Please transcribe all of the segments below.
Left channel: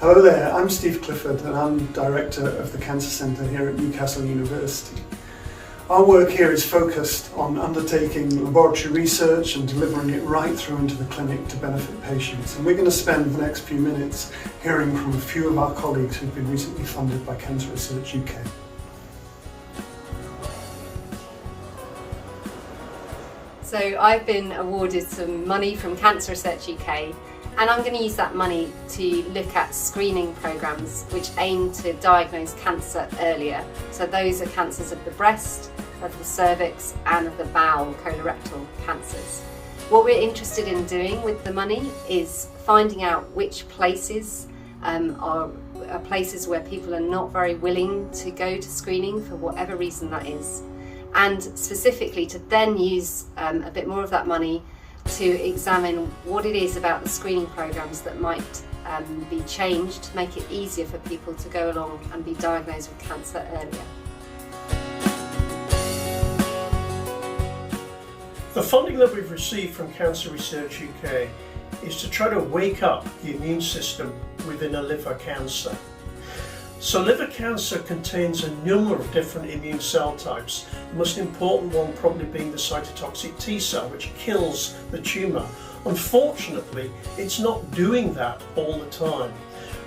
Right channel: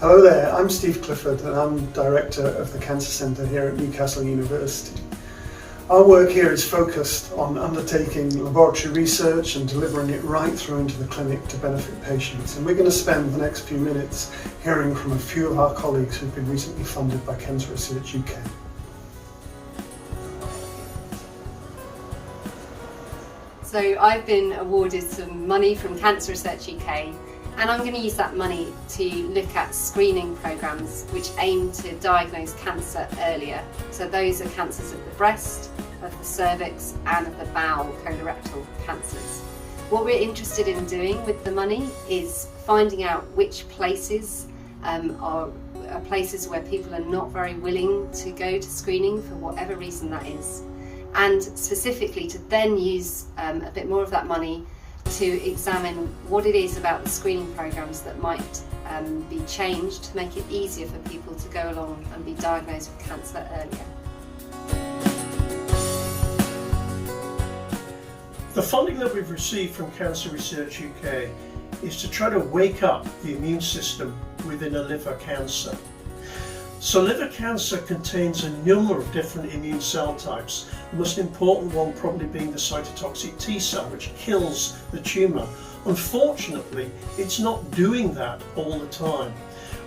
Hello there, I'm Steve Clifford and I'm Director of the Cancer Centre here at Newcastle University. Our work here is focused on undertaking laboratory research and delivering it right through into the clinic to benefit patients. And we're going to spend the next few minutes hearing from a few of our colleagues who've been recently funded by Cancer Research UK. So I've been awarded some money from Cancer Research UK, and I'm going to use that money to look at screening programmes which aim to diagnose cancer earlier. So those are cancers of the breast, of the cervix and of the bowel, colorectal cancers. What we're interested in doing with the money is finding out which places are places where people are not very willing to go to screening for whatever reason that is, and specifically to then use a bit more of that money to examine what it is about the screening programmes that might be changed to make it easier for people to go along and be diagnosed with cancer earlier. The funding that we've received from Cancer Research UK is to try to wake up the immune system within a liver cancer. So liver cancer contains a number of different immune cell types, the most important one probably being the cytotoxic T cell, which kills the tumour. Unfortunately, it's not doing that all the time.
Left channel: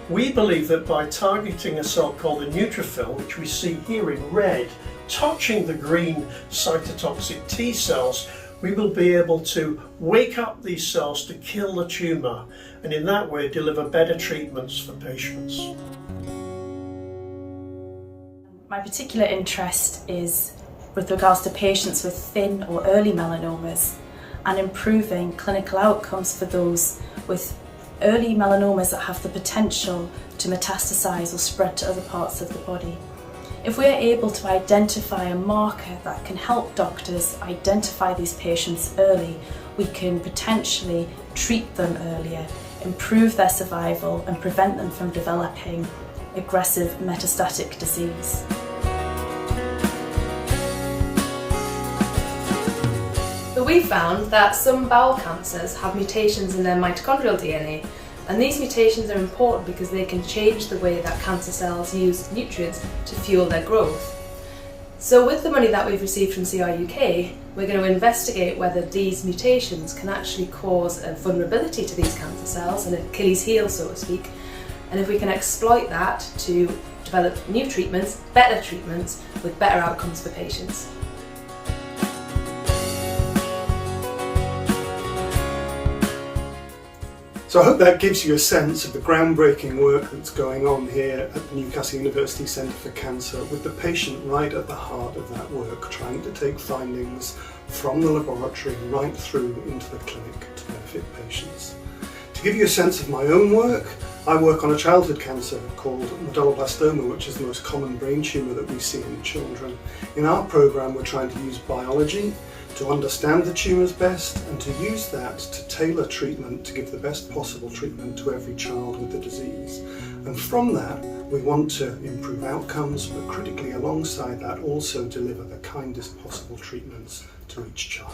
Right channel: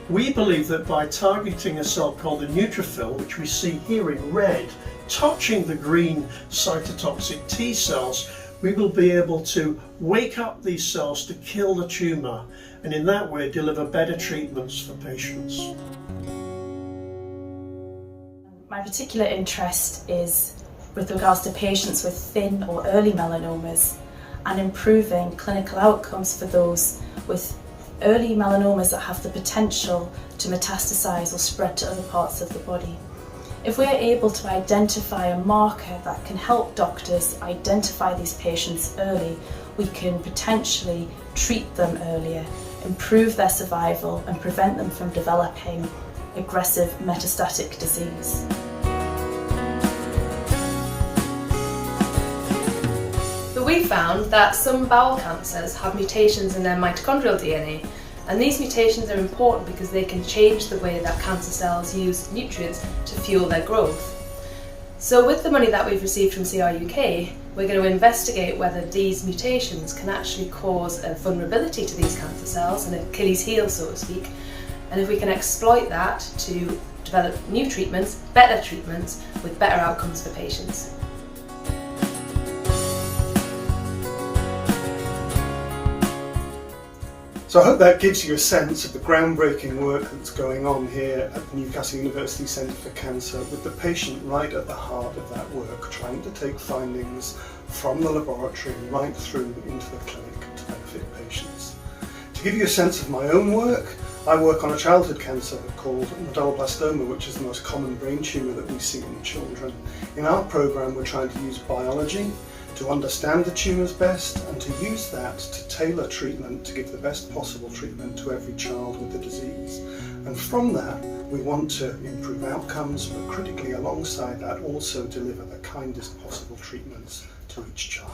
We believe that by targeting a cell called the neutrophil, which we see here in red, touching the green cytotoxic T cells, we will be able to wake up these cells to kill the tumour, and in that way deliver better treatments for patients. My particular interest is with regards to patients with thin or early melanomas and improving clinical outcomes for those with early melanomas that have the potential to metastasize or spread to other parts of the body. If we are able to identify a marker that can help doctors identify these patients early, we can potentially treat them earlier, improve their survival and prevent them from developing aggressive metastatic disease. So we found that some bowel cancers have mutations in their mitochondrial DNA, and these mutations are important because they can change the way that cancer cells use nutrients to fuel their growth. So with the money that we've received from CRUK, we're going to investigate whether these mutations can actually cause a vulnerability to these cancer cells, an Achilles heel so to speak, and if we can exploit that to develop new treatments, better treatments, with better outcomes for patients. So I hope that gives you a sense of the groundbreaking work that's going on here at the Newcastle University Centre for Cancer, with the patient right at the heart of that work, trying to take findings from the laboratory right through into the clinic to benefit patients. To give you a sense of my own work, I work on a childhood cancer called medulloblastoma, which is the most common brain tumour that we see in children. In our programme, we're trying to use biology to understand the tumours best and to use that to tailor treatment to give the best possible treatment to every child with the disease. And from that, we want to improve outcomes, but critically alongside that also deliver the kindest possible treatments to each child.